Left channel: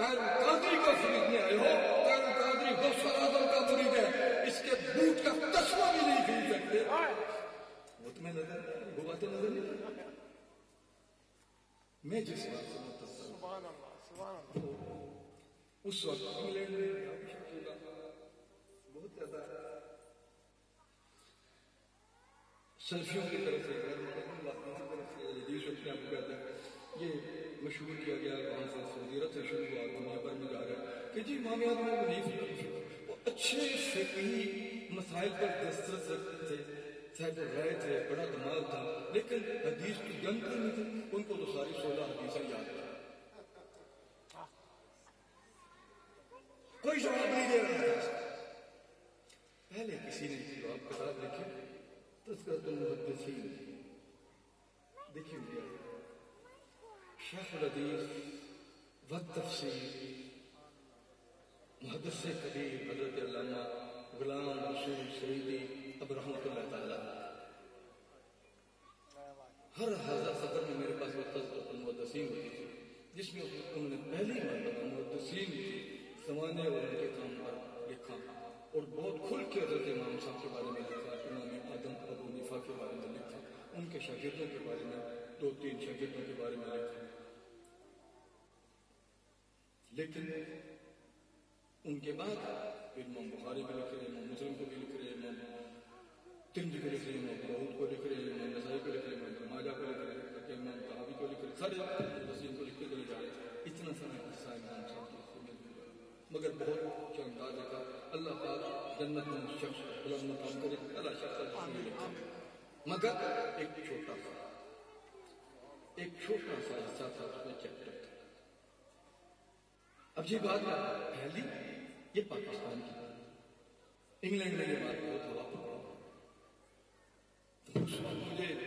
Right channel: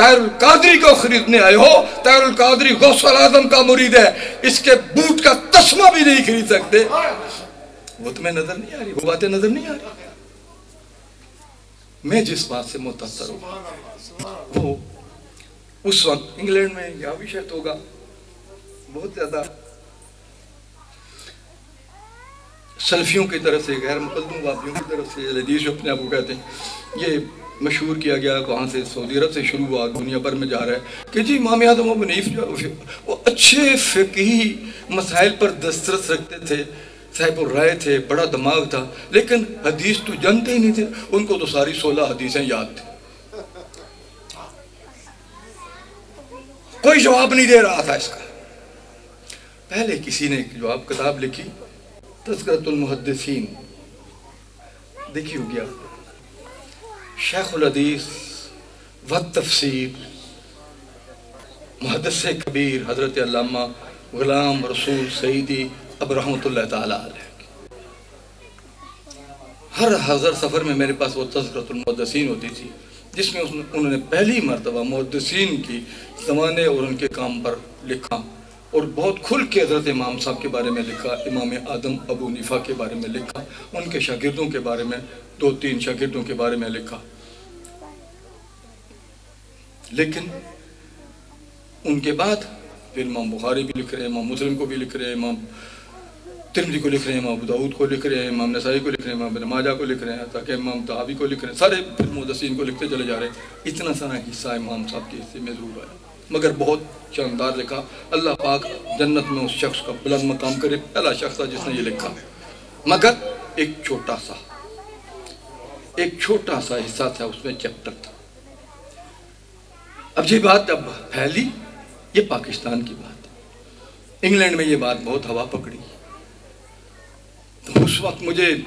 ताहिरुल कादरी को खरीदने आए हो। ताहिरुल कादरी गौसल आजम का मुरीद है, इसके बूट का तस्मा भी नहीं खरीद सकते। वो तुम्हें नजर नहीं आ रही, वो बातें नजर नहीं आ रही। मैं जिस बात से मुतासर हूं वो उस वक्त इंग्लैंड में या भी शायद होगा, बहुत ज्यादा सल्फियों की तरफ से, गैर मुकद्दम वादियों की तरफ से हदीस जो अपने आप को कहते हैं, ये मशहूर किया गया, वहाँ से सऊदी अरब से शुरू हुआ, दुनिया भर में जा रहा है कि जी इमाम आज़म अबू हनीफ जो वो अच्छे फ़िक़ही मसाइल पर दस्तरस रखते थे, साहिब राय थे, बड़ा दिमाग था, लेकिन हदीस तो जानते ही नहीं थे। उनको तो सारी 16 हदीसें याद थी, कोई जवाब नहीं दे रहा था इसका। पहले किसी ने एक जवाब किताब लिखी, तज़किरतुल मुहद्दिसीन, देखी हो गया, शेखुल हदीस व तफसीर मुहद्दिस कबीर हज़रत अल्लामा गुलाम रसूल सईदी अब रहमतुल्लाह ताला अलैह। हर हज़र सफ़र में मेरे पास वो तज़किरतुल मुहद्दिसीन होती थी, जिसमें उन्होंने पहली मरतबा मुहद्दिसीन की ज़माने और उनके काम पर लिखा, और बहुत खुल के हज़रत इमाम साहब के बारे में लिखा, इमाम आदम अबू हनीफा के बारे में लिखा, उनके शागिर्दों के बारे में, 2-3 शागिर्दों के बारे में लिखा। लेकिन उनके बाद फिर इमाम बुखारी भी लिख रहे हैं, इमाम मुस्लिम को भी लिख रहे हैं, इमाम तिरमिज़ी को लिख रहे हैं, इमाम अबू दाऊद को लिख रहे हैं, इमाम नसाई को लिख रहे हैं, इमाम इब्न माजा को लिख रहे हैं, ताकि इमाम तहावी को लिख रहे हैं, सारे फिर मुहद्दिसीन को लिखते चले जा रहे हैं। इतना सारा हिस्सा इमाम साहब के हिस्से में ज़रूर आया, मगर बहुत शानदार लिखा। अल्लाह पाक जन्नत में उस शख्स का बुलंद मकाम करे, पहला शख्स था जिसने ये लिखा। मगर एक छोटा सा हिस्सा था, उसमें चैप्टर था। अब ये बात जब फैली, ये पाकिस्तान की बात है, इंग्लैंड में ये बात बहुत हवा पकड़ी। तो उस वक्त मुझे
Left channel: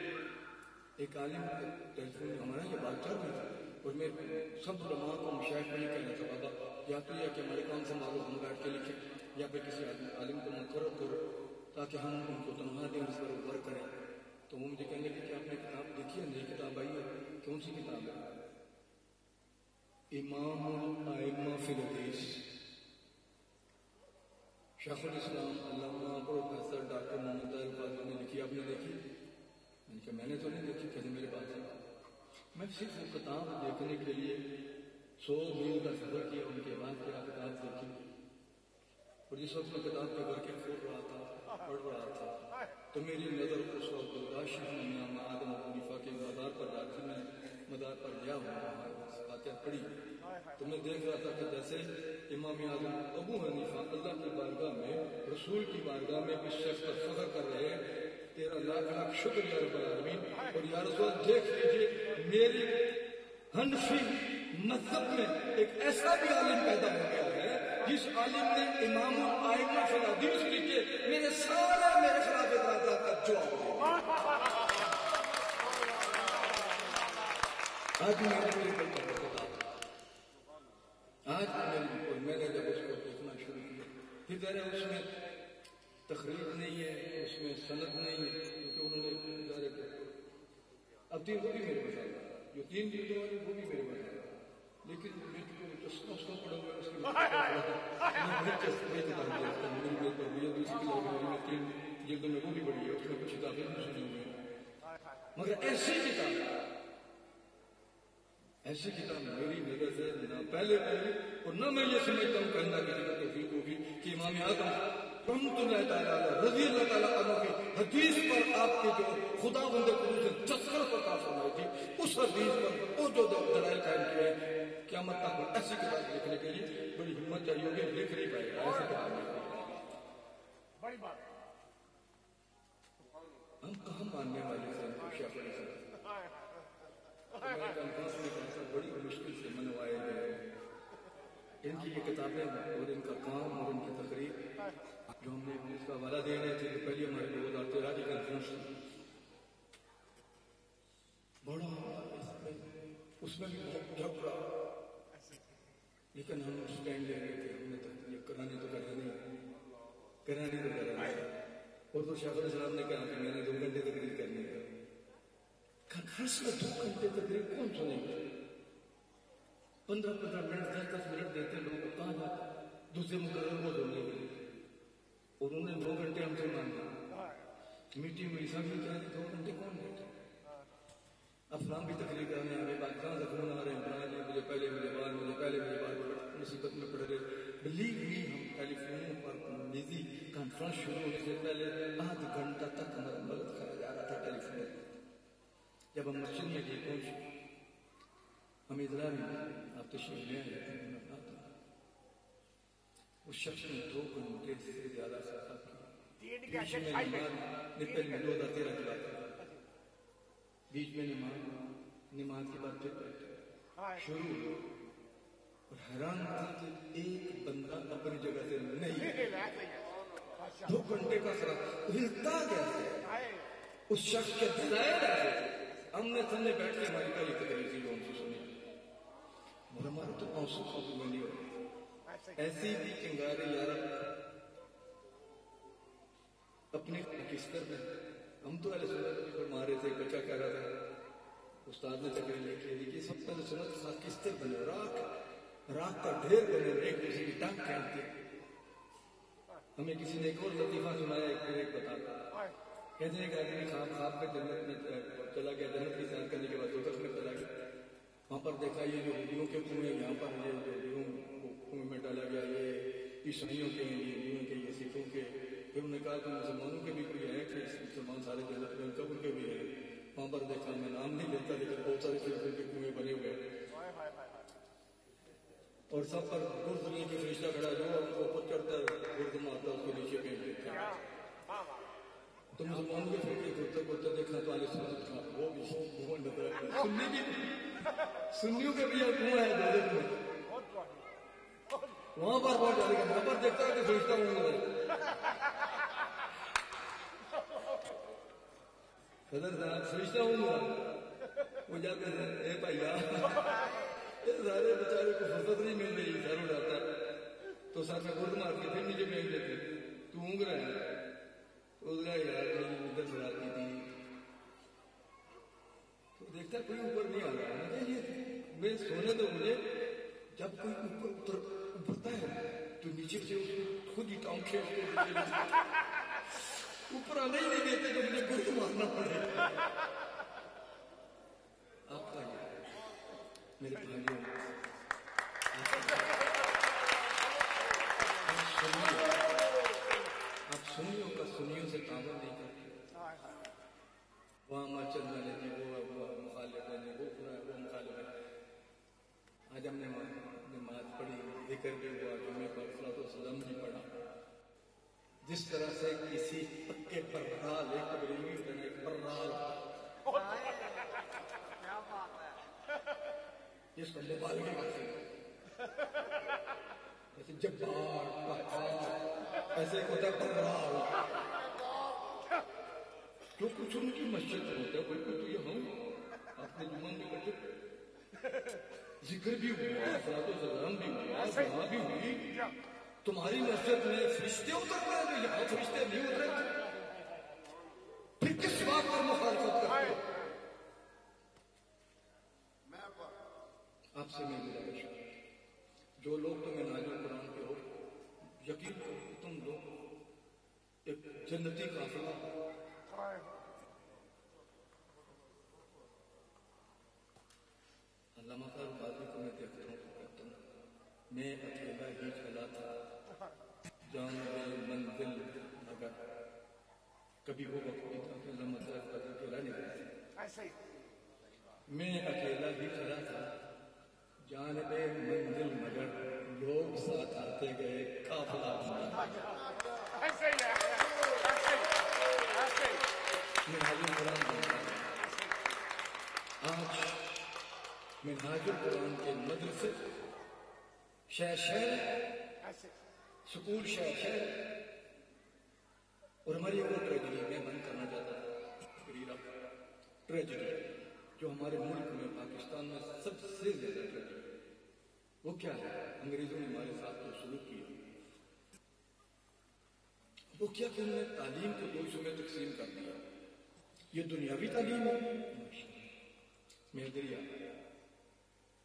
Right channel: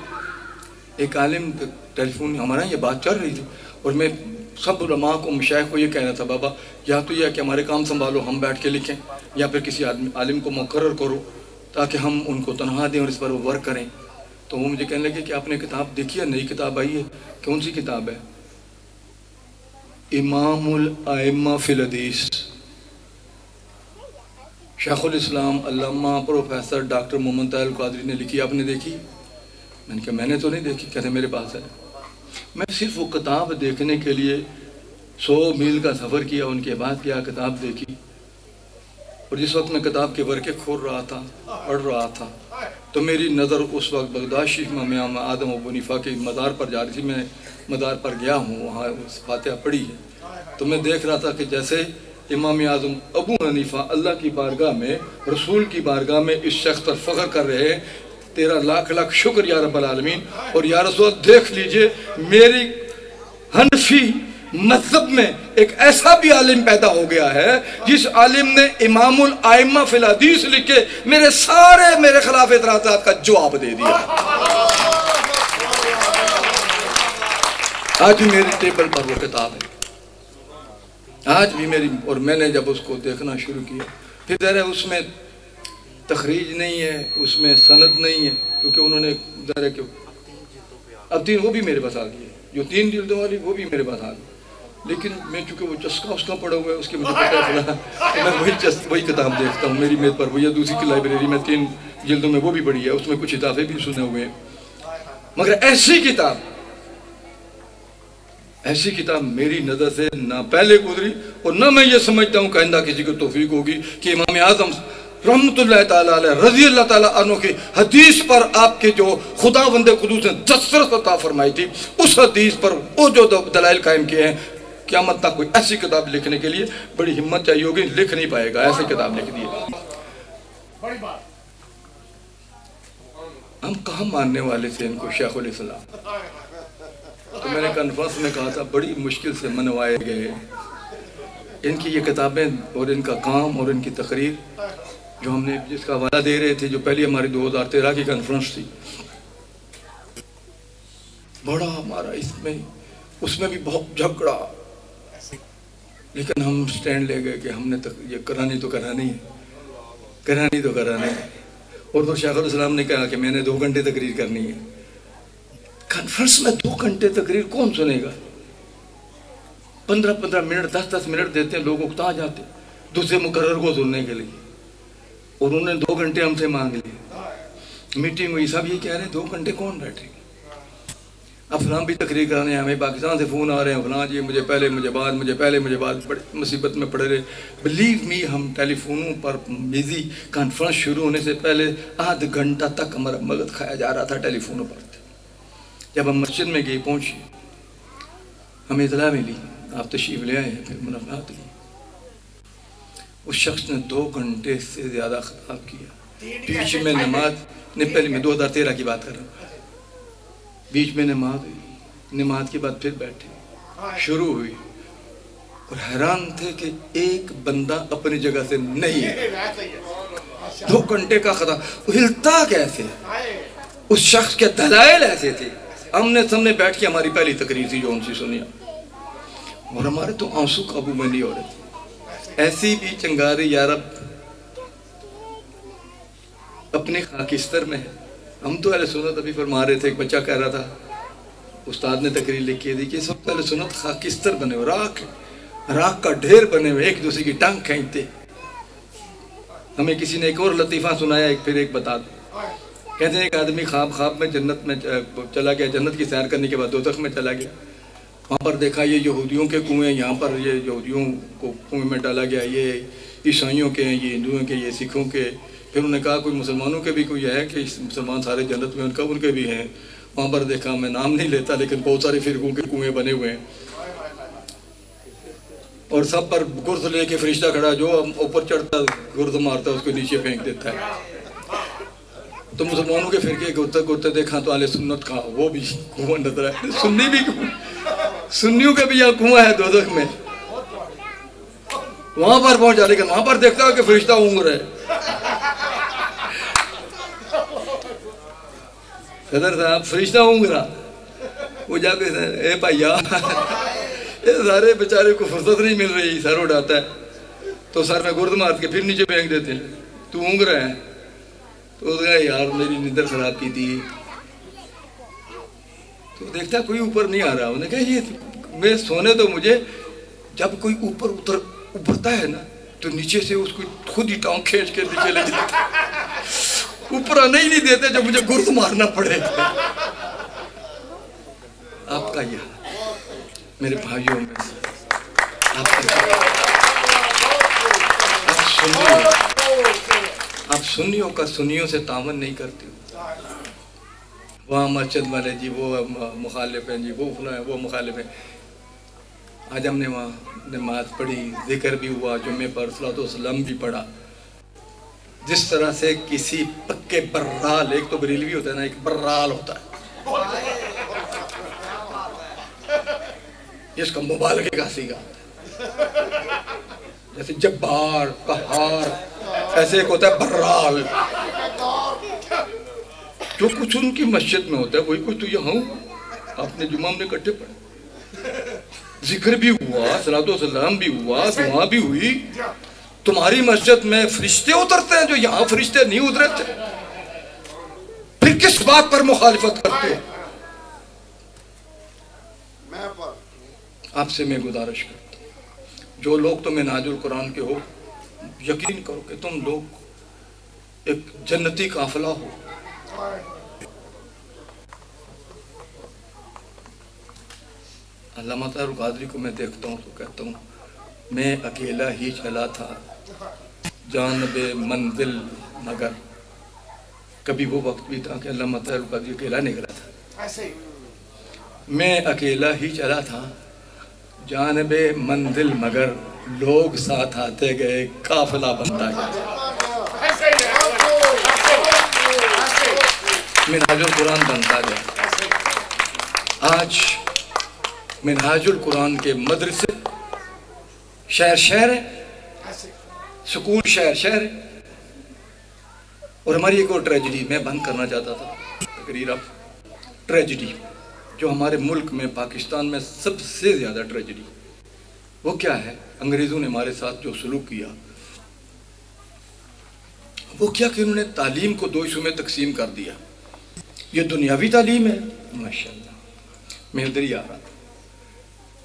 एक आलिम टेलीफोन, हमारा ये बात चल रही थी, और मैं सब उलमा को, मशाइख को ये कहना था, बाबा या तो यह कि हमारे काम संभालो, हम बैठ के लिखें, या फिर किसी आलिम को मुकर्रर करो ताकि हम उनको तनख्वाह दें और इस पर वो वर्क करें। तो वो मुझे कहने लगे कि आपने किताब देखी है, नई किताब आई है, कौन सी किताब है? इमामुल आइम्मा फिल हदीस, शेखुल इस्लाम अल्लामा प्रोफेसर डॉक्टर मोहम्मद ताहिरुल कादरी ने लिखी, आपने देखी? मैंने कहा मैंने तो नहीं देखी। कहते मेरे पास है। मैं सिर्फ वो किताब देखने के लिए 100 मील का सफ़र किया, उनके बाद क्या किताब देखी, और जिस वक्त मैं किताब के वर्के खोल रहा था, पढ़ रहा था, तो मेरी नज़र उस वक्त बगदाद शरीफ में इमाम आदम अबू हनीफा के मज़ार पर जा रही थी। मैं मज़ार पर गया हूँ, वहाँ फातिहा पढ़ी है, तो मैं देख रहा था कि जैसे इमाम आज़म अबू हनीफा अल्लाह की बारगाह में, रसूल की बारगाह में इस शख्स पर फ़ख्र कर रहे हैं, तेरा लाख लाख शुक्र या रब्बल आलमीन। और या रसूल देख लीजिए, मेरी हनफी मज़हब में एक ऐसा भी आलिम पैदा हो गया है जिस आलिम ने इमामुल आइम्मा फिल हदीस लिख के मेरे खिलाफ एतराज़ात का जवाब दे दिया। आज भी मेरे टेबल पर वो किताब है, आज भी मेरी, और मैंने जब उसको देखना शुरू किया, फिर ज़रा उसमें तखरीज नहीं है, उसमें सनद नहीं है, क्योंकि उन्होंने ज़रा क्यों अब 3 वो भी मेरे पास आ गई है, जो 3 जिल्दों वाली वो भी मेरे पास आ गई, लेकिन मैं चूँकि वो चस्का उसका पड़ा हुआ है, उसके मुझे पता है फला, तो मैं वही किताब देखता हूँ। मेरी मेज़ पर वही है, दूसरी की लाइब्रेरी में 3 जिल्दों में वो भी पड़ी है, उसमें कुछ इजाफे भी सुने हुए हैं। मगर ऐसी किताब मेरी नज़र से ना पहले गुजरी, और ना मैं ये समझता हूँ कहना किसी को तौफीक होगी कि इमाम आज़म रहमतुल्लाह ताला अलैह रज़ी अल्लाह ताला अन्हु की हदीस पर आपके जो खुदावंद कुदूस ने दस्तरस अता फरमाई थी, उस हदीस पर वो जो दलाइल कायम किए हैं, क़यामत तक कोई ऐसी किताब लिखने के लिए बड़ी हिम्मत चाहिए होगी, लिख नहीं पाएगा, ऐसी किताब लिख दी है। हम कहाँ मानने वाले थे इनको, शेखुल इस्लाम। तो मैंने कॉन्फ्रेंस में कहा था, बड़ी मुश्किल से मनवाए गए इनकी ये किताबें और इनका काम और इनकी तकरीर, जो हमने जिसका हवाला दे रहे थे, जो पहली हमारी 2013 की कॉन्फ्रेंस थी, बड़ा हमारा इसमें उसमें भी बहुत झगड़ा, लेकिन हम स्टैंड ले गए कि हमने ये करानी तो करानी है। और तो शेखुल इस्लाम ने कहा कि मैंने 2 घंटे तकरीर करनी है। कॉन्फ्रेंस में 2 घंटे तकरीर कौन सुनेगा? 15-15 मिनट 10-10 मिनट देते हैं, लोग उकता जाते दूसरे मुकर्रर को सुनने के लिए, और उन्होंने 2 घंटे हमसे मांग लिए। मीटिंग हुई, सब ये कह रहे हैं 2 घंटे कौन बैठे। अब फलां भी तकरीर कराने, हमें पाकिस्तान से फ़ोन आ रहे हैं, फलां जी मुझे पहले मुझे बाद, मुझे पहले मुझे बाद, बड़ी मुसीबत में पड़े रहे। बिलीव मी, हम टेलीफोनों पर बिजी, कॉन्फ्रेंस शुरू होने से पहले आध घंटा तक हमारा मगज खाया जा रहा था टेलीफोनों पर। जब हम मस्जिद में गए, पहुँचे, हमें इतला मिली आप तशरीफ़ ले आए हैं, फिर मुलाकात हुई। उस शख्स ने 2 घंटे से ज़्यादा ख़राब किया। बीच में नमाज ने, पहले मैं 2013 की बात कर रहा हूँ, बीच में नमाज हुई, नमाज के बाद फिर बैठे, शुरू हुई, और हैरान थे कि एक बंदा अपनी जगह से नहीं है। 2 घंटे का खता, हिलता कैसे, उस शख्स के दलाइल ऐसे थे। हमने सामने बैठ के हमारी पहली तकरीर थी जो उनसे सुनी, और हमारे तो आंसू काबू में नहीं हो रहे थे। ऐसी भी चंगारी यारब अपने खाकिस्तर में है। हम तो अहले सुन्नत अभी फरमा रहे थे, एक बच्चा कह रहा था, उस्ताद ने तकरीर लिखी थी कि सब अहले सुन्नत खाकिस्तर बने हुए, राख का ढेर बने हुए, एक दूसरे की टांग खींचते। हमें किसी ने एक और लतीफ़ा सुनाया, एक फिर एक बता दो। कहते हैं एक आदमी ख्वाब में जन्नत में चला गया, जन्नत की सैर करने के बाद दोज़ख में चला गया। वहाँ पर देखा ये यहूदियों के कुएँ, यहाँ पर ये यहूदियों को कुएँ में डाला गया, ये ईसाइयों के हैं, ये हिंदुओं के, ये सिखों के। फिर उन्होंने कहा कोई मुसलमानों के भी कोई है कि मुसलमान सारे जन्नत में, उनका उनके भी हैं। वहाँ पर देखा, मैं नाम नहीं लेता, लेकिन बहुत सारे फिरकों के कुएँ बने हुए हैं, और सब पर गुर्द लेके फरिश्ता खड़ा, जो ऊपर चढ़ता गुर्द मारता उसको नीचे फेंक देता है। तो मुसलमानों के फिरके घुरते देखा तो आले सुन्नत का वो भी कुआं नजर आया। सुन्नी भी, सुन्नियों का भी यहाँ कुआं है दोज़ख में। वहां पर पहुंचा, लेकिन वहां पर देखता है कि फरिश्ता ऊँग रहे। सदर साहब फरिश्ता ऊँग रहा, वो जाके ए भैया, ये सारे बेचारे को फुर्सत नहीं मिल रही, सर उड़ाता है तो सर में गुर्द मार के फिर नीचे फेंक देते हैं, तू ऊँग रहा है। तो उसने यार मेरी नींदर खराब की थी, तो देखता कोई ऊपर नहीं आ रहा। उन्होंने कहा ये मैं सोने तो मुझे, जब कोई ऊपर उभरता है ना तो नीचे से उसको खुद ही टांग खींच के नीचे ले जाते, ऊपर आने ही नहीं देते जब मुझे गुर्द मारना पड़े। आपका यह मेरे भाइयों में आप सुन्नियों का सुन्नियों से तावन नहीं करते। वहाँ मस्जिद वाले जी वो मुखालिफ हैं जी, वो फला है, वो मुखालिफ है। आज हमने वहाँ नमाज पढ़ी, जिक्र भी हुआ, जुम्मे पर सलातो सलाम भी पढ़ा। जिस तरह से किसी पक्के बर्राल, एक तो बरेलवी होता है ना, एक बर्राल होता है जिसका मुबालगे का सीगा, जैसे जब्बार कहार, ऐसे एक होता है बर्राल। जो कुछ उनकी मस्जिद में होता है वही कुछ तो यहाँ आपने जुम्मा में इकट्ठे पढ़े, जिक्र भी हुआ, सलातो सलाम भी हुआ, दुआ भी हुई। तुम्हारी मस्जिद में फरिश्ते उतरते हैं जो यहाँ फरिश्ते नहीं उतरे थे, फिर किस बात पर मुखालिफत करते हो? आपसे मैं गुजारिश करता हूँ, जो लोग तो मिन्हाजुल कुरान के हो, यकीन करो कि तुम लोग एक जन्नती काफिला हो। अल्लामा तारुल क़ादरी को मैं देखता हूँ तो कहता हूँ मैं अकेला ही चला था जानबे मंजिल मगर। कभी वो वक्त भी था कि अल्लामा तारुल क़ादरी अकेला निकला था। मैं अकेला ही चला था जानबे मंजिल मगर, लोग साथ आते गए, काफिला बनता गया। मिन्हाजुल कुरान बनता गया। आज मिन्हाजुल कुरान के मदरसे शहर शहर है, स्कूल शहर शहर है। और हमारी एक और ट्रेजिडी मैं बंद करना चाहता था तकरीर, अब ट्रेजिडी जो हमारे मुल्क में, पाकिस्तान में सबसे ज़्यादा ट्रेजिडी वो क्या है? अंग्रेज़ों ने हमारे साथ जो सलूक किया वो क्या कि उन्होंने तालीम को 2 हिस्सों में तकसीम कर दिया। ये दुनियावी तालीम है, माशाअल्लाह मैं इधर ही आ रहा था,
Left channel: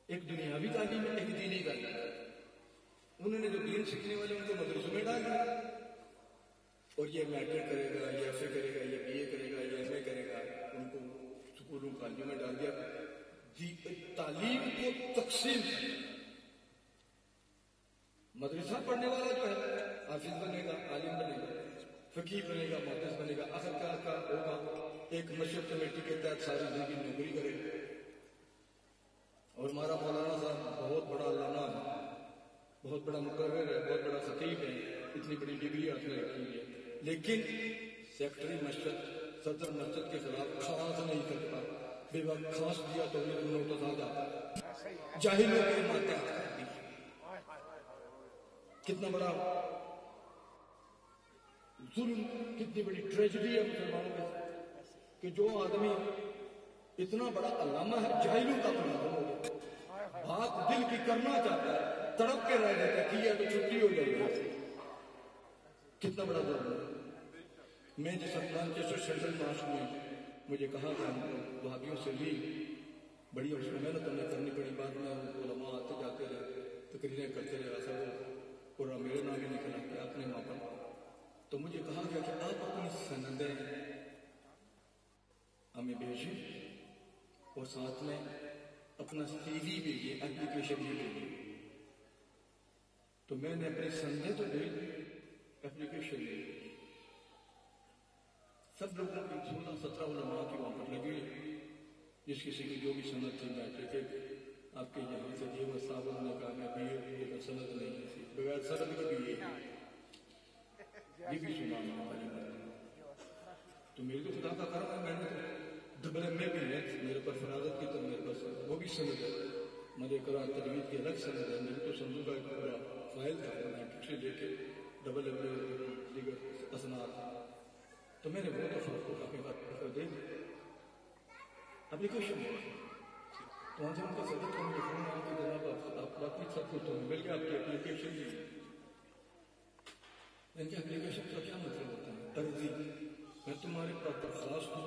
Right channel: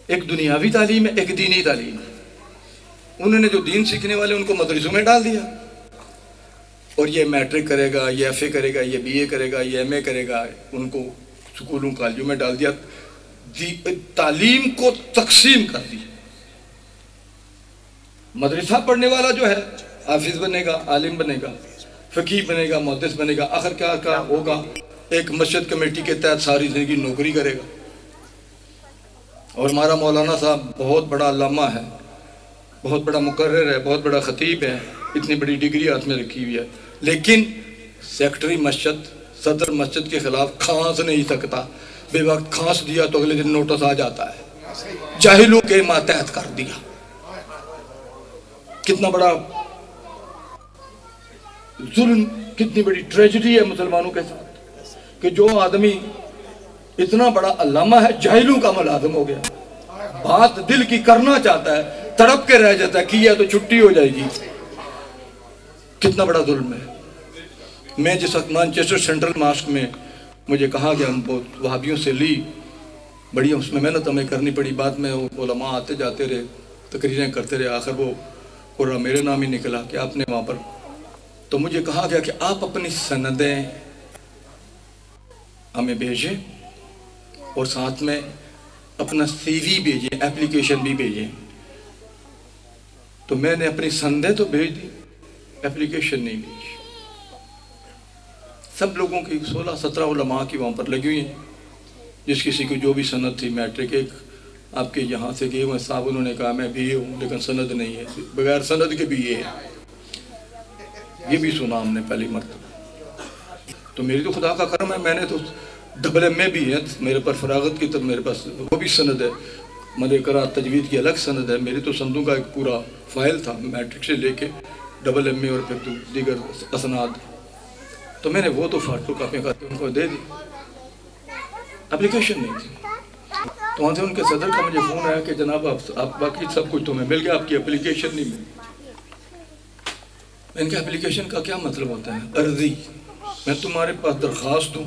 एक दुनियावी तालीम है, एक दीनी तालीम है। उन्होंने जो दीन सीखने वाले उनको मदरसों में डाल दिया, और ये मैट्रिक करेगा, ये FA करेगा, ये BA करेगा, ये MA करेगा, उनको स्कूलों कॉलेजों में डाल दिया। तालीम को तकसीम कर दी। मदरसा पढ़ने वाला जो है हाफिज बनेगा, आलिम बनेगा, फ़कीह बनेगा, मुहद्दिस बनेगा, आखिर क्या होगा, एक मस्जिद कमेटी के तहत सारी ज़िंदगी नौकरी करेगा। और हमारा मौलाना साहब बहुत बड़ा अल्लामा है, बहुत बड़ा मुकर्रर है, बहुत बड़ा ख़तीब है, इतनी बड़ी डिग्री हाथ में रखी हुई है, लेकिन सेक्रेटरी मस्जिद, सदर मस्जिद के ख़िलाफ़ खांस नहीं सकता। बेवक्त खांस दिया तो अगले दिन नोटिस आ जाता है, जाहिलों के मातहत कर दिया। कितना बड़ा जुल्म, कितनी बड़ी ट्रेजेडी है मुसलमानों के साथ कि जो आदमी इतना बड़ा अल्लामा है जाहिलों का मुलाजिम हो गया। बात दिल की करना चाहता है, तड़प के रह जाता है, किया तो छुट्टी हो जाएगी। कितना बड़ा जुल्म है। मैं जिस वक्त मैनचेस्टर सेंट्रल मॉस्क में मुझे कहा गया, हम बहुत वहाबियों से ली, बड़ी उसमें मेहनत हमें करनी पड़ी। बाद में उलमा आते जाते रहे, तकरीरें करते रहे, आखिर वो पूरा मेरे नाम ही निकला कि आपने वहाँ पर, तो मुझे कहा गया कि आप अपनी सनदें हमें भेजें और साथ में अपना CV भेजें, एप्लीकेशन भी भेजें। तो मैंने अपनी सनदें तो भेज दी, एप्लीकेशन नहीं भेजी। सब लोगों की 16-17 उलमा की वहाँ पर लगी हुई हैं, जिस किसी को जो भी सनद थी। मैट्रिक एक आपके यहाँ से गए हुए साहब, उन्होंने कहा मैं BA हूँ लेकिन सनद नहीं है, बगैर सनद के BA है। ये भी सुना हमने पहली मरतबा। तो मेरी तो खुदा का करम है, मैंने तो MA भी है मेरे पर, फरागत की तब मेरे पास वो भी सनद है, मदे करात तजवीद की अलग सनद है। मेरी तो संदों का एक पूरा फाइल था, मैट्रिक से लेके MA और फिर तो दीगर असनाद। तो मैंने वो तो फोटो कापियाँ करके उनको दे दी, एप्लीकेशन नहीं थी। तो वहाँ से उनके सदर का मुझे फ़ोन आया कि जनाब आप बाकी सब कुछ तुम्हें मिल गया, आपकी एप्लीकेशन नहीं मिली। इनके एप्लीकेशन का क्या मतलब होता है? अर्जी। मैं तुम्हारे पास दरख्वास्त दूँ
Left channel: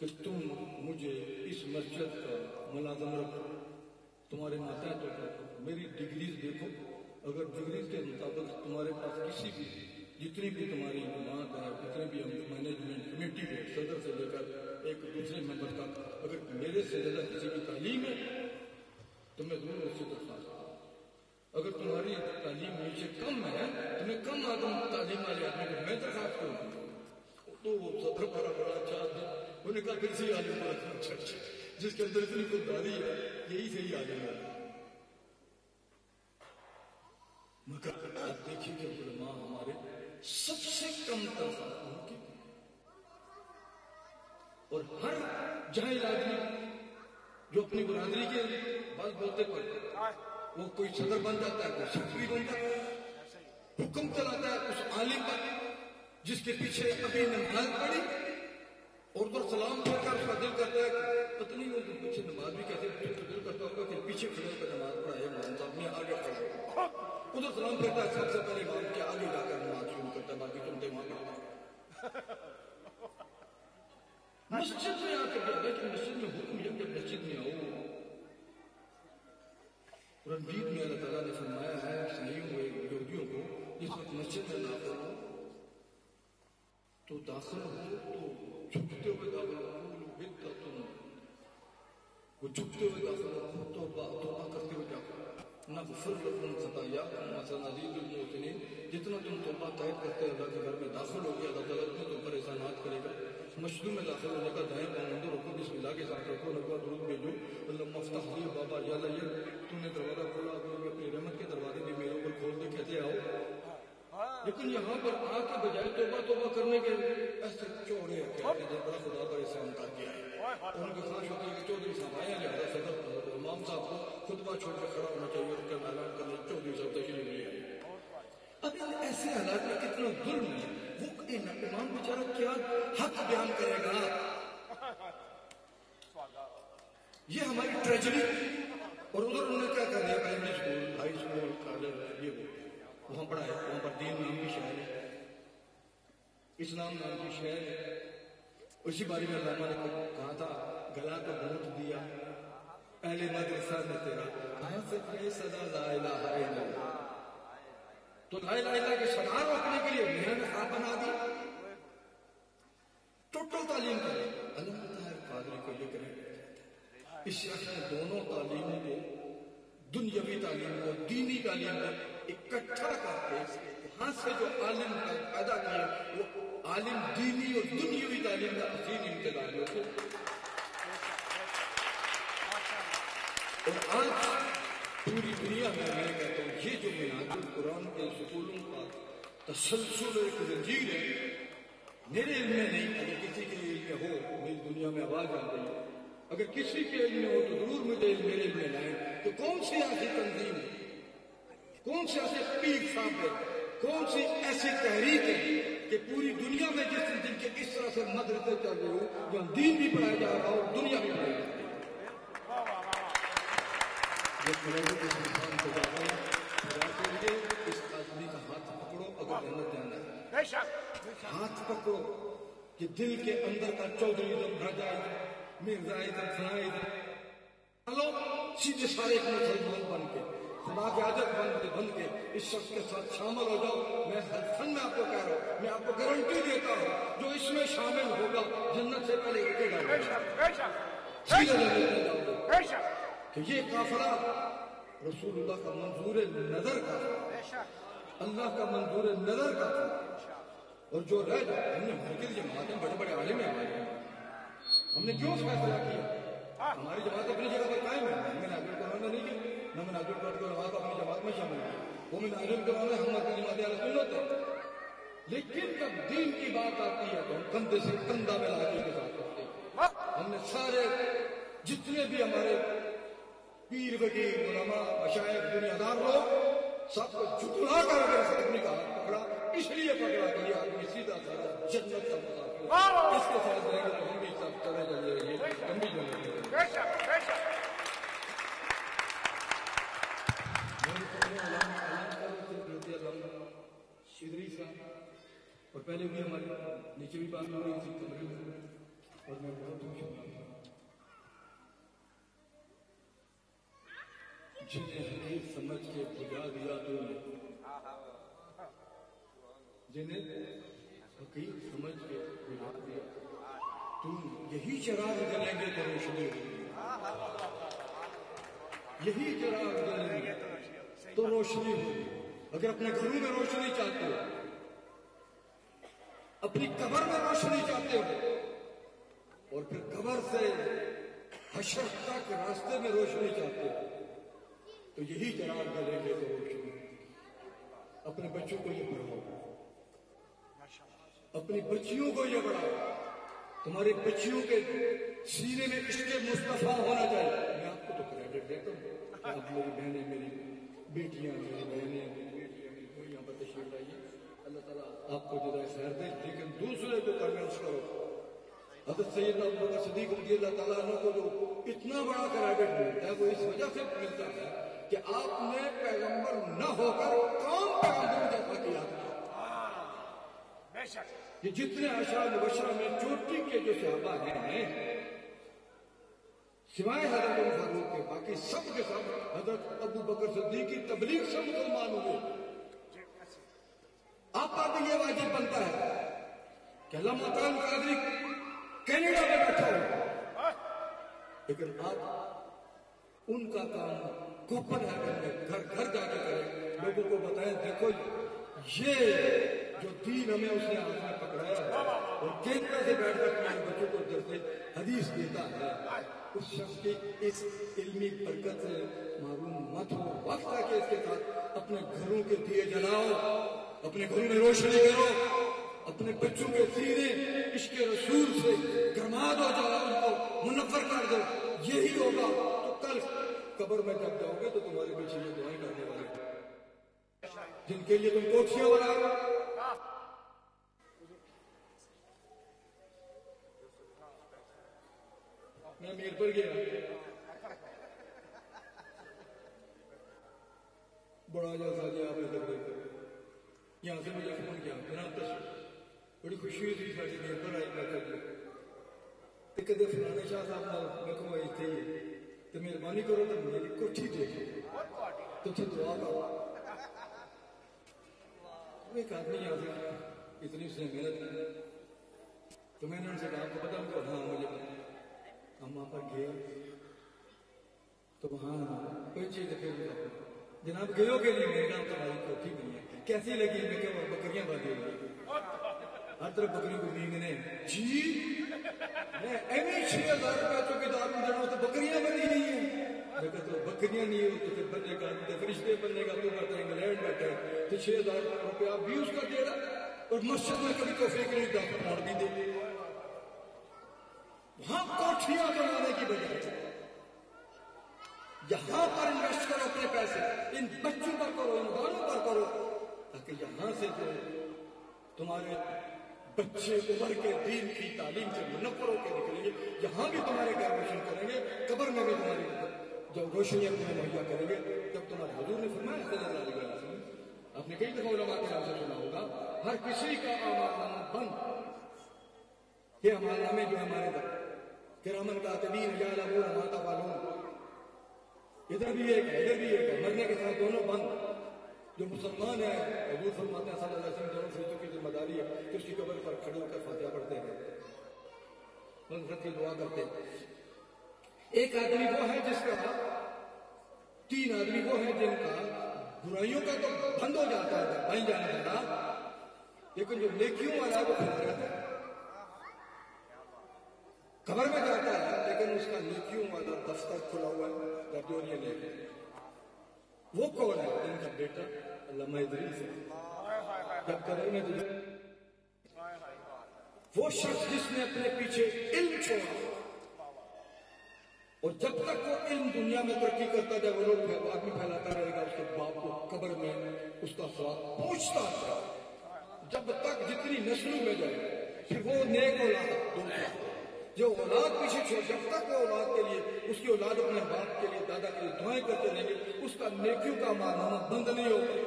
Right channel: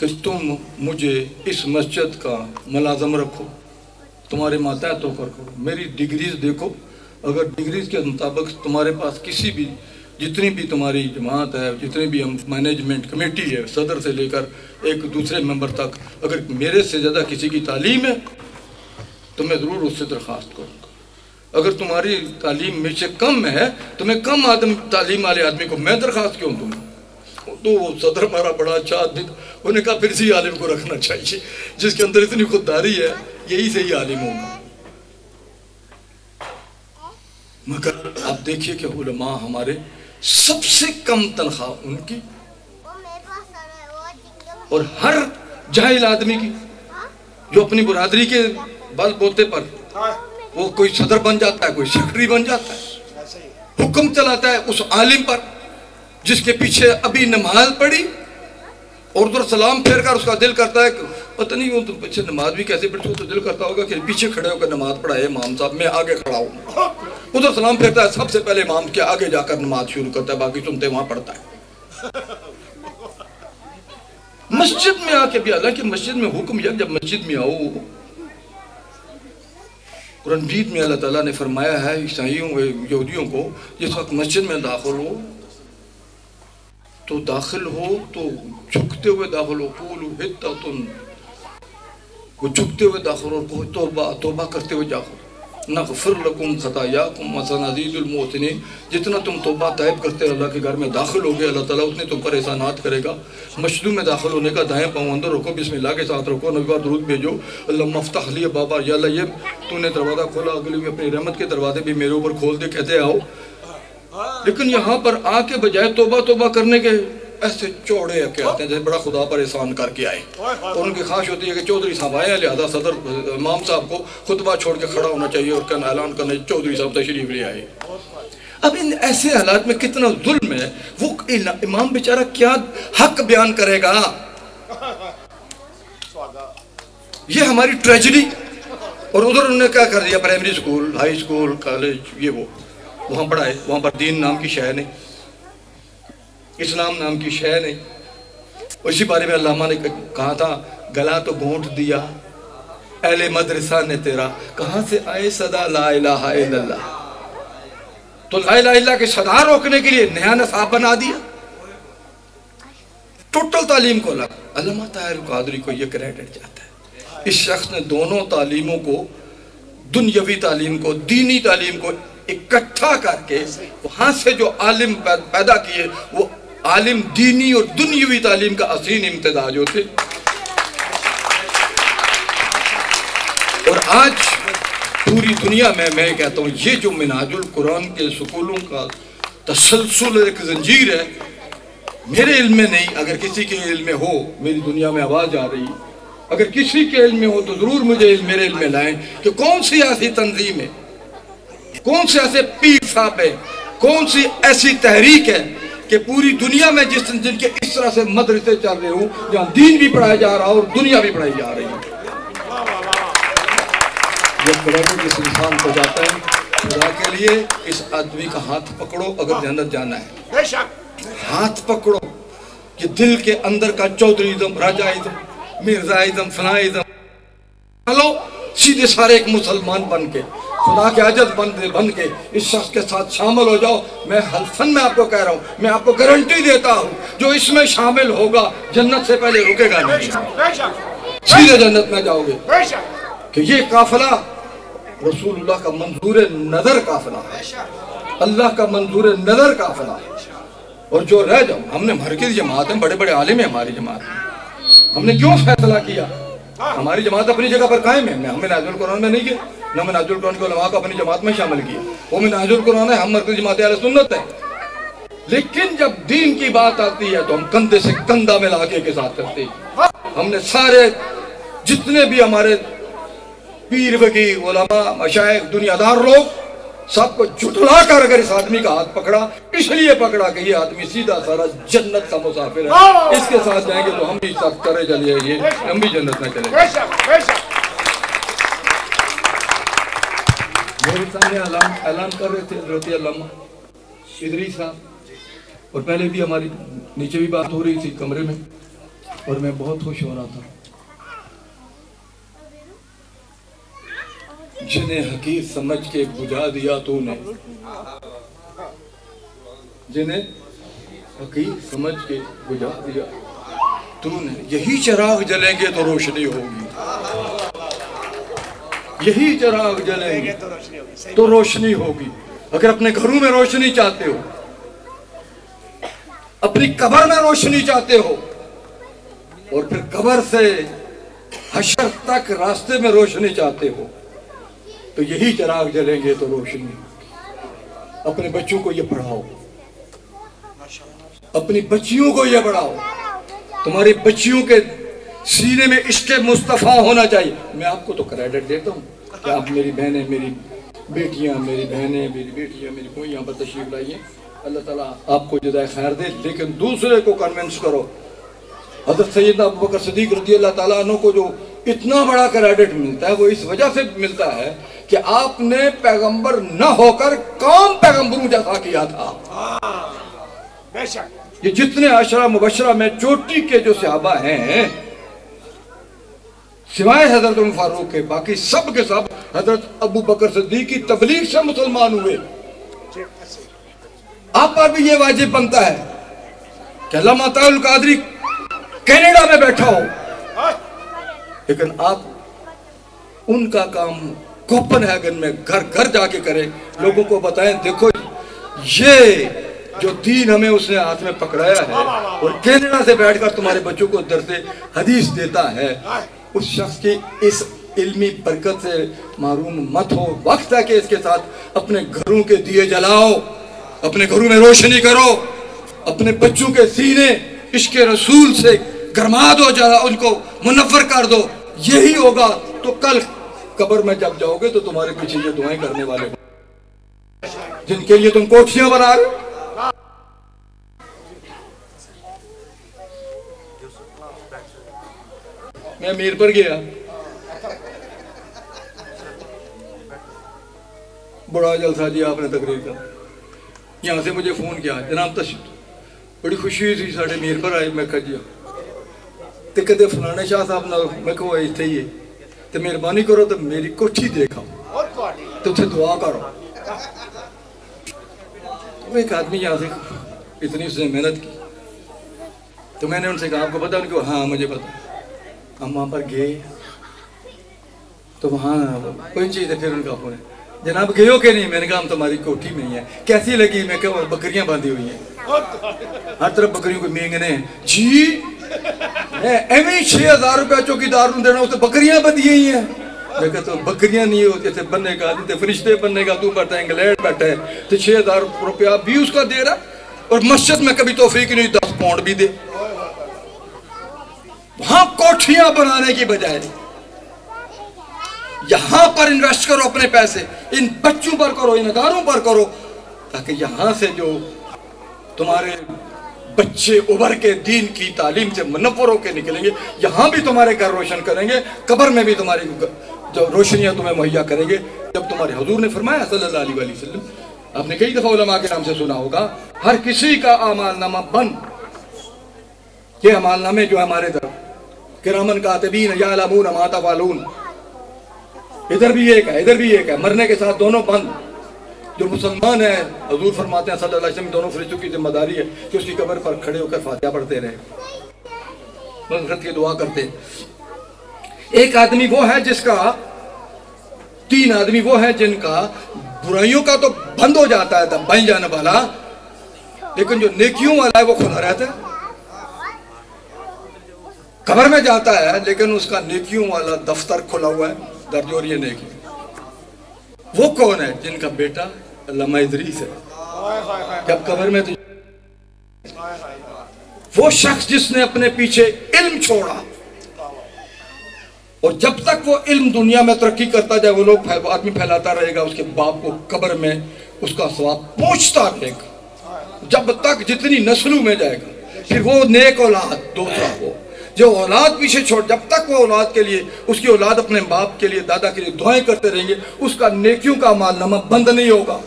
कि तुम मुझे इस मस्जिद का मुलाजम रखो, तुम्हारे मातहत होकर रखो, मेरी डिग्रीज देखो, अगर डिग्रीज के मुताबिक तुम्हारे पास किसी भी, जितनी भी तुम्हारी जमात है, जितनी भी हम मैनेजमेंट कमेटी है, सदर से लेकर एक दूसरे मेंबर तक, अगर मेरे से ज़्यादा किसी की तालीम है तो मैं ज़रूर उससे दरख्वास्त करूँगा। अगर तुम्हारी तालीम में से कम है तो मैं कम तालीम वाले आदमी को मैं दरख्वास्त क्यों दूँगा? तो वो सदर हमारा बड़ा अच्छा आदमी, उन्होंने कहा फिर इसी आलिम को रखना चाहिए, जिसके अंदर इतनी खुददारी है, यही से ही आलिम होगा। मगर आप देखिए कि उलमा हमारे सबसे कम तनख्वाह उनकी, और हर जाहिल आदमी की जो अपनी बरादरी के बल बोते पर वो कोई सदर बन जाता है, कोई सेक्रेटरी बन जाता है, हुक्म चलाता है उस आलिम पर जिसके पीछे अभी नमाज पढ़ी और उधर सलाम फेर कर उसका दिल करता है, पता नहीं वो तो पीछे नमाज भी कैसे पढ़ती हो, तो दिल करता होगा कि पीछे खड़े होकर नमाज पढ़ाए इमाम साहब, मैं आगे खड़ा हूँ। उधर सलाम फेरता है, सबसे पहले इमाम के आगे जाकर नमाज शुरू करता है, बाकी सुनते वहां पढ़ता है। मस्जिद में आके भी, हालांकि मस्जिद में हुक्म यह, जब मस्जिद में आओ, कुरान मजीद में अल्लाह ताला ने फरमाया है ईसाइयों यहूदियों को, जिस वक्त मस्जिद में दाखिल हो तो झुकते हुए दाखिल हो, कूलू हित्ततुन, वो झुकते हुए दाखिल हो, कोई तौबा करते हुए जाओ, नग़फ़िर लकुम ख़तायाकुम व सनज़ीदुल मुहसिनीन। जितना तुम तौबा तैब करते अल्लाह के घर में दाखिल हो गए, अल्लाह ताला उतने तुम पर एहसानात करेगा। मस्जिद में दाखिल होने का दाएं पाँव अंदर रखो, बिस्मिल्लाह के साथ रखो, नबी पर दुरूद भेजो, अल्लाहुम्मा फ़्तह ली बाबा, या अल्लाह ये तूने दरवाज़ा खोला, अगले में अपनी रहमत के दरवाजे भी मेरे ऊपर खोल दे, कहते आओ। लेकिन यहाँ पर आके बजाय तौबा करने के ऐसे चौड़े के आते हैं जैसे बड़ा खुदा पर एहसान करके आए, और उनकी ख्वाहिश होती है कि चौधरी साहब आए हैं, लिहाजा सदर इमाम साहब को खुतबा छोड़ के खड़ा होना चाहिए और कहना ऐलान करना चौधरी साहब तशरीफ ले आए। अब इन ऐसे हालात में कितना जुल्म है, वो इमाम बेचारा क्या हक बयान करेगा? ये हमारी ट्रेजेडी। और उधर उन्होंने क्या कर दिया, primary school, high school, college, ये वो वहाँ पढ़ाए, वहाँ पर दीन नाम की शय नहीं, इस्लाम नाम की शय नहीं। उसी बारे में अल्लामा ने कहा था, गला तो घोंट दिया अहले मदरसा ने तेरा कहां से आए सदा ला इलाहा इल्लल्लाह, तो ला इलाहा इल्लल्लाह के सदा रोकने के लिए नया नसाब बना दिया। टोटल तालीम को अलग। अल्लामा ताहिर कादरी को यह क्रेडिट जाता है, इस शख्स ने दोनों तालीमों को, दुनियावी तालीम को, दीनी तालीम को इकट्ठा करके वहां से जो आलिम पैदा किए, वो आलिम दीनी और दुनियावी तालीम का असीम इम्तिजाज होते। और आज पूरी दुनिया में मैं कहता हूँ ये जो मिनहाजुल कुरान के स्कूलों का तसलसल एक जंजीर है, मेरे इल्म में नहीं, अगर किसी के इल्म में हो, मेरी दुनिया में आवाज आ रही, अगर किसी के इल्म में हो तो जरूर मुझे मेरे इल्म में लाएं कि कौन सी ऐसी तंजीम है, कौन से ऐसे पीर साहब है, कौन सी ऐसी तहरीक है कि पूरी दुनिया में जिनके इस तरह से मदरसे चल रहे हो, जहां दीन भी पढ़ाया जा रहा है और दुनिया भी पढ़ाई जा रही है। जब क्रेडिट इस इंसान को जाता है, खुदा के लिए इस आदमी का हाथ पकड़ो, अगर जन्नत जाना है हाथ पकड़ो, कि दिल के अंदर का चौधरीज़म, राजाइज़म, मिर्जाइज़म, फलाइज़म लो, सीधे सारे एक मुसलमान बन के, खुदा के आजत बन के इस शख्स के साथ शामिल हो जाओ। मैं हल्फन में आपको कह रहा हूँ, मैं आपको गारंटी देता हूँ, जो इसमें शामिल होगा जन्नत से पहले रुकेगा नहीं, सीधे जन्नत में जाओगे। कि ये काफिला रसूलुल्लाह का मंजूर नजर काफिला है, अल्लाह का मंजूर नजर काफिला है। और जो रह जाओ, हमने मरकज़ी जमात में बड़े बड़े आलिम है, हमारी जमात हमने क्यों फैसला किया, हमारी जमात अपनी जगह पर कायम है। हमें मिनहाजुल कुरान में नहीं किया, न मिनहाजुल कुरान के उलमा को अपनी जमात में शामिल किया, वो मिनहाजुल कुरान है, हम मरकज़ी जमात अहले सुन्नत है। लेकिन जब दीन की बात आती है तो हम कंधे से कंधा मिला के साथ करते हैं। हमने सारे जितने भी हमारे पीर फकीर, उलमा, मशाइख, दुनियादार लोग, सबको जुटला कर अगर इस आदमी का हाथ पकड़ा, इसलिए पकड़ा कि ये आदमी सीधा सारा जन्नत का मुसाफिर है, इसके साथ जाएंगे तो हम भी साथ करे चलिए, हम भी जन्नत में चले। मेरे सामने ऐलान कर रहे थे हज़रत अल्लामा इदरीस साहब, और पहले भी हमारी नीचे भी बात हो रही थी कमरे में, और मैं बहुत खुश हो रहा था। जिन्हें हकीर समझ के बुझा दिया तूने, जिन्हें हकीर समझ के बुझा दिया तूने, यही चिराग जलेंगे तो रोशनी होगी, यही चिराग जलेंगे तो रोशनी होगी। अगर अपने घरों में रोशनी चाहते हो, अपनी कब्र में रोशनी चाहते हो, और फिर कब्र से हशर तक रास्ते में रोशनी चाहते हो, तो यही चिराग जलेंगे तो रोशनी। अपने बच्चों को ये पढ़ाओ, अपनी बच्चियों को ये पढ़ाओ, तुम्हारी बच्चियों के सीने में इश्क़ मुस्तफ़ा होना चाहिए। मैं आपको तो क्रेडिट देता हूँ कि आप मेरी बहनें, मेरी बेटियाँ, मेरी बहनें, मेरी बेटियाँ, मेरी कोई यहाँ पर तशरीफ लाइए, अल्लाह ताला आपको जज़ाए खैर दे। लेकिन दूसरे को कन्विंस करो। हज़रत सैयदना अबू बकर सिद्दीक़ रज़ियल्लाहु ताला अन्हु को जो इतना बड़ा क्रेडिट मिलता है, वो इस वजह से मिलता है कि आपने पैगंबर न होकर काम पैगंबरों जैसा किया था। ये जितने अशरा मुबशरा में चोटी के जो सहाबा हैं, सिवाय हजरत उमर फारूक के, बाकी सब के सब हजरत अबू बकर सिद्दीक़ की तबलीग से मुसलमान हुए। आप पर भी ये वाजिब बनता है कि अल्लामा ताहिर कादरी कनाडा में बैठा हो, लेकिन आप उनका काम कोपनहेगन में घर घर जाके करें, लोगों को बताएं, देखो ये जो दीन हमें उसने हाथ में पकड़ाया है, और कनाडा से बैठकर तुम्हारे बच्चों को दर्से हदीस देता है, उस शख्स की इस इल्मी बरकत से महरूम मत हो। वक्त है कि इसके साथ अपने घरों के दिए जलाओ, अपने घरों में रोशनी करो, अपने बच्चों के सीने इश्क़ रसूल से गरमा दो, जरा उनको मुनव्वर कर दो। यही होगा तो कल कब्र में जब जाओगे तो तुम्हारे पीछे ये दुआएं करने वाले हो, जिनके लिए तुम कोठियां बना रहे हो। मैं मीर पर गया, बड़ा जलसा जी आपने तकरीर का, यहाँ से मुझे फोन किया, जनाब तशरीफ, बड़ी खुशी थी साढ़े मीर पर आए। मैं कहा जी ते कदे फलाने शाह साहब ना, मैं कहो इत्थे ही है, तो मेहरबानी करो तो मेरी कोठी देखो तो उसे दुआ करो। तो एक आदमी यहाँ से इतनी उसने मेहनत की, तो मैंने उनसे कहा आपको पता? उनको हाँ मुझे पता। हम वहाँ पर गए तो वहाँ कोई चीज़ है, फिर उनका फोन है, जनाब गए हो कि नहीं? मैंने कहा हम तुम्हारी कोठी में ही है। कैसी लगी? मैं कहा बकरियां बांधी हुई हैं, हर तरफ बकरियों को मेंगने हैं जी। एवं 6000 रुपया चौकीदार को देना, तो बकरियां बंधी हुई हैं। मैं कहता तो बकरियां नहीं होती थे बनने का, फरिश्ते बनने का तू पड़ता है, इंग्लैंड बैठा है तो 6000 रुपया भी उसका दे रहा, और मस्जिद में कभी तौफीक नहीं 10 पाउंड भी दे। वहां कोठियां बनाने की बजाय यहां पर इन्वेस्ट करो अपने पैसे, इन बच्चों पर करो, इन अदारों पर करो, ताकि यहां से जो तुम्हारे बच्चे उभर के दीन की तालीम से मुनव्वर होकर निकलेंगे, यहां भी तुम्हारे घर रोशन करेंगे, कब्र में भी तुम्हारी जो रोशनियां तुम्हें मुहैया करेंगे। जब तुम्हारे हुजूर ने फरमाया सल्लल्लाहु अलैहि वसल्लम, आपने कई दफा उलमा के नाम से सुना होगा, हर किसी का अमालनामा बंद। ये अमालनामे जो हमारे तरफ किरामन कातिबीन यालमून मा तफअलून, इधर भी एक है, इधर भी एक है, मरने के साथ दोनों बंद। जो मुसलमान है, हुजूर फरमाते हैं सल्लल्लाहु अलैहि वसल्लम, दोनों फरिश्तों की जिम्मेदारी है कि उसकी कब्र पर खड़े होकर फातिहा पढ़ते रहे, मग़फ़िरत की दुआ करते। एक आदमी वो है जिसका, 3 आदमी वो है जिनका बुराइयों का तो बंद हो जाता है बन जाने वाला, लेकिन जो नेकियों वाला है वो खुला रहता है। कब्र में जाता है लेकिन उसका नेकियों वाला दफ्तर खुला हुआ है, दर्ज हो रही है नेकी। वो कौन है? जिनका बेटा अल्लामा इदरीस है। जब कब्र में तो वो शख्स जिसने अपने पीछे इल्म छोड़ा, और जब तक वो इल्म दुनिया में तरक्की करता जाए, वो लोग आदमी फैलाता रहेगा, उसके बाप को कब्र में उसका सवाब पहुंचता रहेगा जब तक जितनी नस्लों में जाएगा। फिर वो नेक औलाद दूसरा हो जो औलाद पीछे छोड़, जब तक वो औलाद के लिए, उसकी औलाद अपने बाप के लिए, दादा के लिए दुआएं करते रहेंगे, उसका नेकियों का मालनामा बंद नहीं होगा।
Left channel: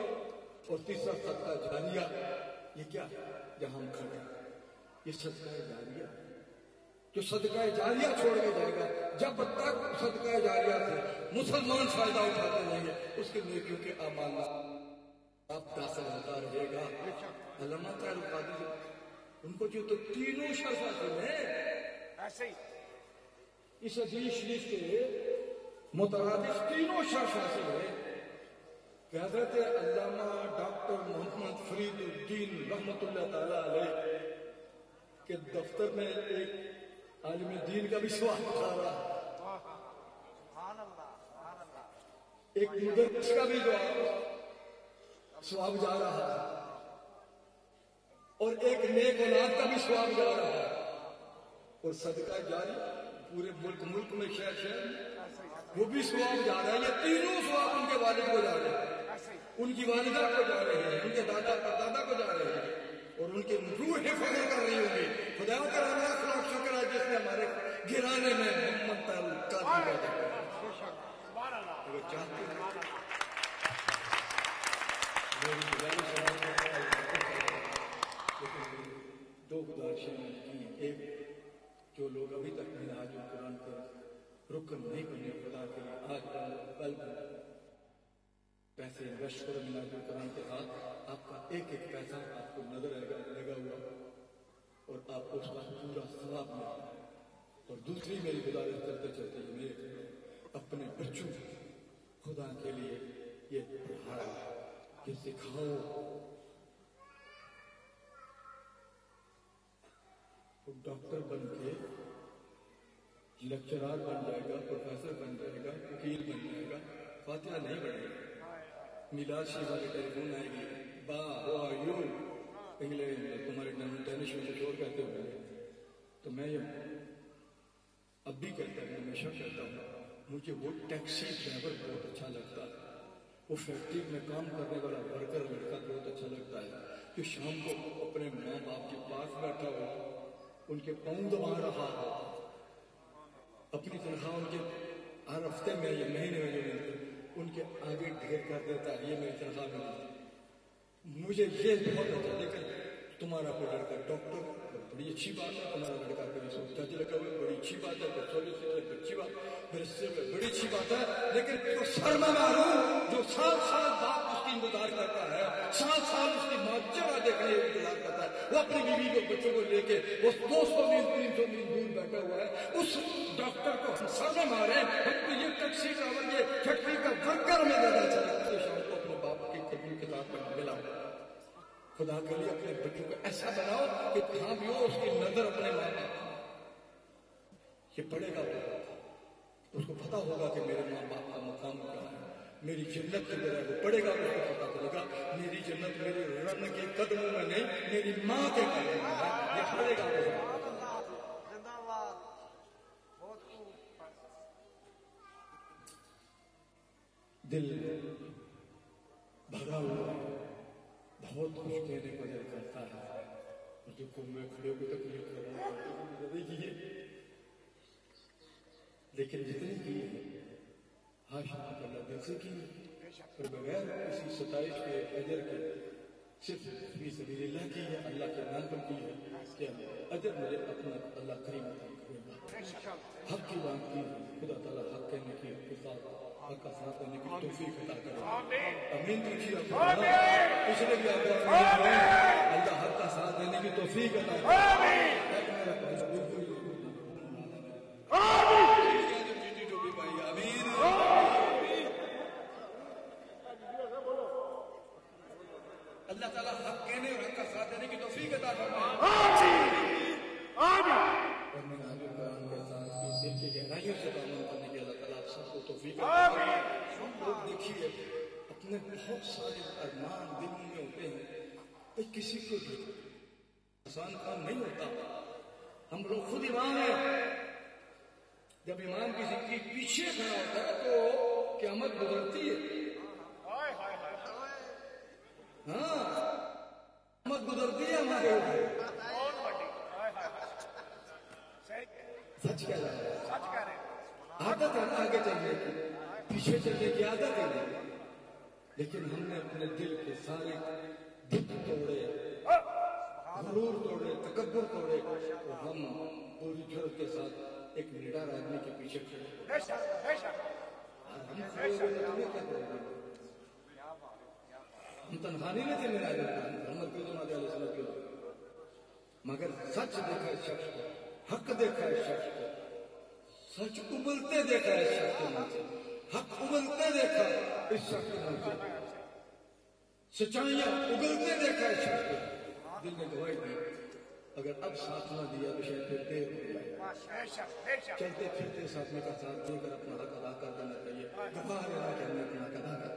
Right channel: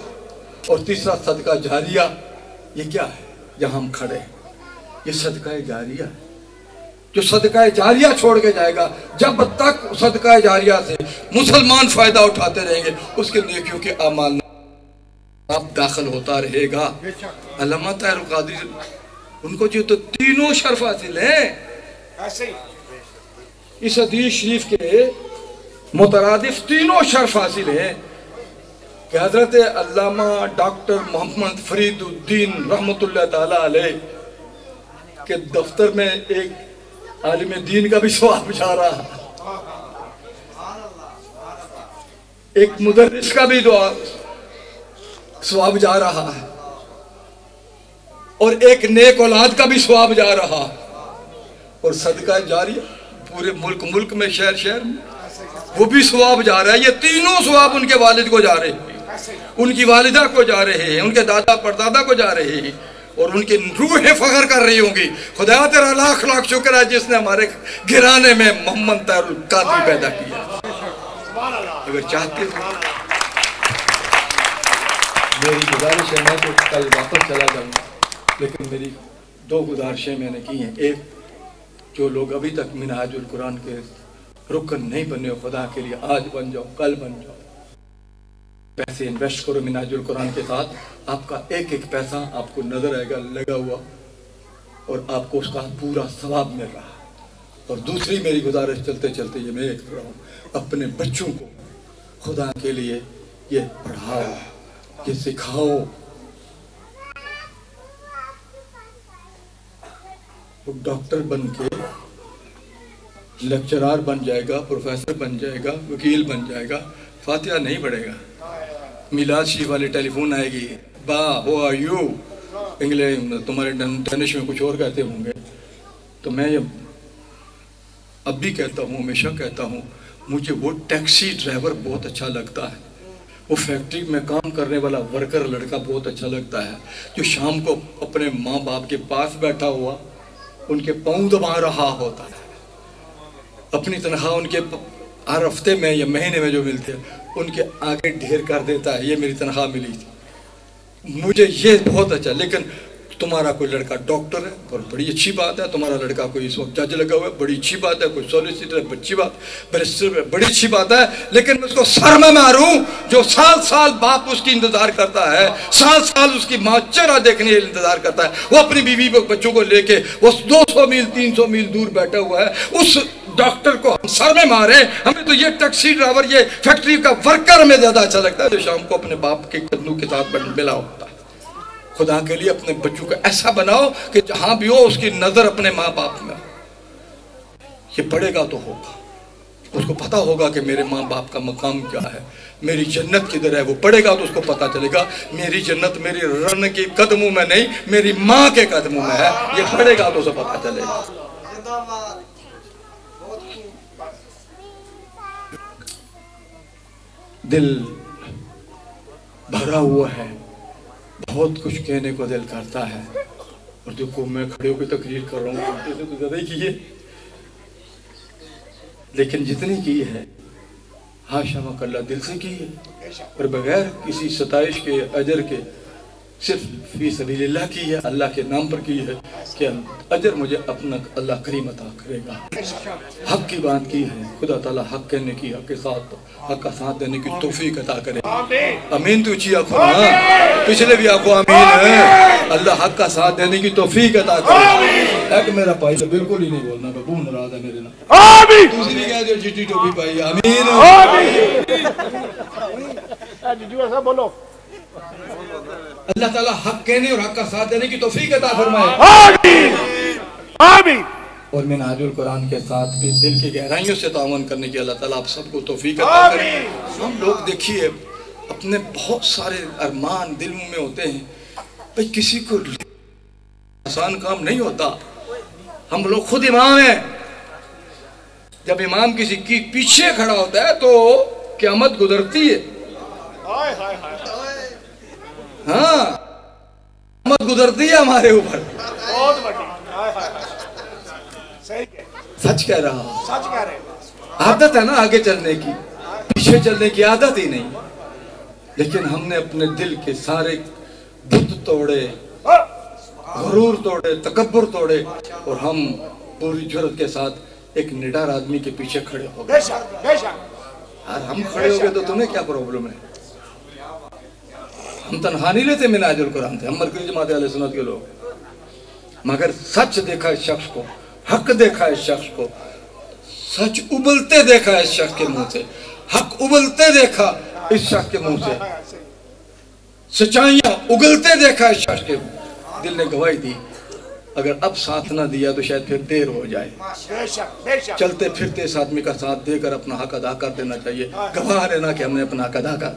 और तीसरा सदका जारिया। ये क्या है? जहां हम खड़े हैं, ये सदका जारिया, जो सदका जारिया छोड़ के जाएगा, जब तक सदका जारिया से मुसलमान फायदा उठाते रहेंगे, उसके नेकियों के अमाल आप दाखिल होता रहेगा। अल्लामा ताहिर कादरी, उनको जो तो तीनों शर्फ हासिल है। इस हदीस शरीफ के मुतरादिफ तीनों शर्फ हासिल है कि हजरत अल्लामा डॉक्टर मोहम्मद फरीदुद्दीन रहमतुल्लाह ताला अलैह के दफ्तर में एक आलिम दीन का भी सवाब जा रहा है, एक मुदर्रिस का भी दुआ सवाब जा रहा है, और एक नेक औलाद का भी सवाब जा रहा है। और सदका जारिया पूरे मुल्क में, शहर शहर में वो भी सवाब जा रहा है। ये तीनों सवाब उनके वालिद को जा रहे हैं, उनकी वालिदा को जा रहे हैं, उनके दादा परदादा को जा रहे हैं, और उनकी रूहें फख्र कर रही होंगी, खुदा तेरा लाख लाख शुक्र है जिसने हमारे घराने में मोहम्मद ताहिर कादरी पैदा किया। अगर चाहते हो, मेरी गुजारिश है, मैं तो कल वापस चला जाऊंगा, लेकिन मेरी 2 गुजारिशें मैंने की हैं। एक, जो लोग अभी तक मिनहाजुल कुरान के रुकन नहीं बने हो, खुदा के लिए आज बन जाओ, कल बन जाओ। पैसे इन्वेस्ट करो मिनहाजुल कुरान के साथ, आपका एक एक पैसा आपको नजर आएगा लगा हुआ, और आपको उसका पूरा सवाब मिल रहा है। और दूसरी मेरी गुजारिश चलते चलते ये मैं एक रहा हूँ, अपने बच्चों को खुदा के लिए ये पढ़ाओ, ये सिखाओ। वो डॉक्टर बन के लेक्चरार बन जाएगा, प्रोफेसर बन जाएगा, वकील बन जाएगा, फातिहा नहीं पढ़ेगा। मिलाद शरीफ वाले टेलीफोन आएगी, बा हो आर यू, इंग्लिश तुम्हारे डेनिश में कुछ और कहते होंगे। तो मैं अब भी कहता हूँ, हमेशा कहता हूँ, मुझे वो टैक्सी ड्राइवर बहुत अच्छा लगता है, वो फैक्ट्री में काम करने वाला वर्कर लड़का बहुत अच्छा लगता है, जो शाम को अपने माँ बाप के पास बैठा हुआ उनके पाँव दबा रहा होता है, अपनी तनख्वाह उनके हर हफ्ते में या महीने में जो मिलते हैं उनके आगे ढेर कर देता है, ये मेरी तनख्वाह मिली थी, मुझे ये बहुत अच्छा। लेकिन तुम्हारा कोई लड़का डॉक्टर है और बड़ी अच्छी बात है, तुम्हारा लड़का कोई इस वक्त जज लगा हुआ है, बड़ी अच्छी बात है, कोई सॉलिसिटर है, अच्छी बात, बैरिस्टर है, बड़ी अच्छी बात है। लेकिन मैं उसको सर में मारूं जो साल साल बाप उसकी इंतजार करता है, साल साल उसकी माँ चेहरा देखने के लिए इंतजार करता है, वो अपनी बीवी बच्चों को लेके वो 200 मील 300 मील दूर बैठा हुआ है, उस डॉक्टर को हम सर में मारे। हमें तो ये टैक्सी ड्राइवर, ये फैक्ट्री का वर्कर हमें ज्यादा अच्छा लगता है जो शाम को अपने बाप के कदमों के साथ मिला होता है। खुदा के लिए अपने बच्चों को ऐसा बनाओ कि जहां भी हो उसकी नजर अपने माँ बाप में। ये पढ़ेगा तो होगा, उसको पता होगा कि मेरे माँ बाप का मकाम क्या है, मेरी जन्नत किधर है। वो पढ़ेगा तो उसको पता चलेगा मेरी जन्नत मेरी रन के कदमों में नहीं, मेरी माँ के कदमों में है। ये पढ़ेगा तो उसे पता चलेगा। दिल भरा हुआ है, बहुत कुछ कहने को दिल करता है, और देखो मैं खड़े होकर तकरीर कर रहा हूँ, तो ज्यादा ही की है, लेकिन जितनी की है हाशा मकल्ला दिल से की है, और बगैर किसी सताइश के अजर के सिर्फ फी सबीलिल्लाह की है, अल्लाह के नाम पर की है कि अजर मुझे अपना अल्लाह करीम अता करेगा। हक की बात की है, खुदा ताला हक कहने की, हक के साथ हक का साथ देने की तौफीक अता करे। आमीन। तो ऊंची आंखों, हाँ पिछले भी आंखों आमीन है। अल्लाह हक का साथ देने की तौफीक अता करे। एक मेरा भाई तो बिल्कुल ही नहीं बोलना, बबू नाराज है मेरे ना। आमीन। दूसरी भी कह दो चिट्टी टोपी भाई आमीन। आमीन। बोलो अल्लाह ताला हक कहने और हक का साथ देने की तौफीक अता फरमाए। आमीन। आमीन। और मिनहाजुल कुरान के साथ भी दिल की गहराइयों से तावन करने की अल्लाह ताला आप सबको तौफीक अता करे। हम लोग देखिए अपने बहुत सारे अरमान दिल में होते हैं, भाई किसी को आसान काम नहीं होता। हम लोग खुद इमाम हैं, जब इमाम किसी की पीछे खड़ा होता है तो क़यामत गुजरती है। हाँ क़यामत गुजरती है हमारे ऊपर। सच कह रहा हूं, सच कह रहे। आदत है ना आगे चलने की, पीछे चलने की आदत ही नहीं। लेकिन हमने अपने दिल के सारे बुत तोड़े, गुरूर तोड़े, तकब्बुर तोड़े, और हम पूरी जुर्रत के साथ एक निडर आदमी के पीछे खड़े हो गए। यार हम खड़े हो गए तो तुम्हें क्या प्रॉब्लम है? हम तनहा नहीं लेते मिनाजुल कुरान थे, हम मरकज़ी जमात अहले सुन्नत के लोग, मगर सच देखा इस शख्स को, हक देखा इस शख्स को, सच उबलते देखा इस शख्स के मुंह से, हक उबलते देखा इस शख्स के मुंह से, सच्चाइयां उगलते देखा इस शख्स के। दिल ने गवाही दी, अगर अब साथ ना दिया तो शायद फिर देर हो जाए। चलते फिरते इस आदमी का साथ देकर अपना हक अदा कर देना चाहिए, गवाह रहना कि हमने अपना हक अदा कर।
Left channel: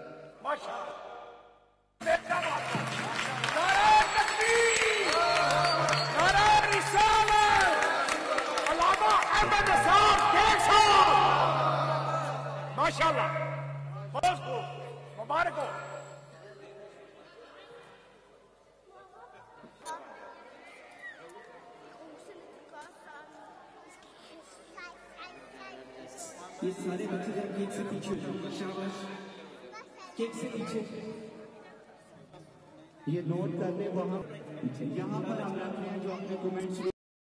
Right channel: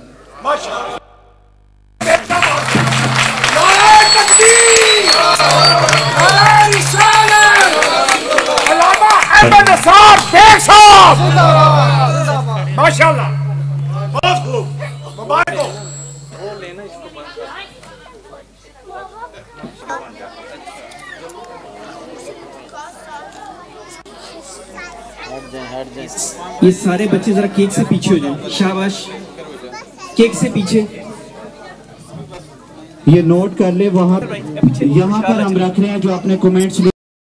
माशाल्लाह, बहुत खूब, मुबारक हो। ये सारे बच्चे जरा केक से पीछे हो जाएं। शाबाश, केक से पीछे। ये नोट कर ले, वहाँ यहाँ पर हम रख रहे हैं जो अपने कमेंट्स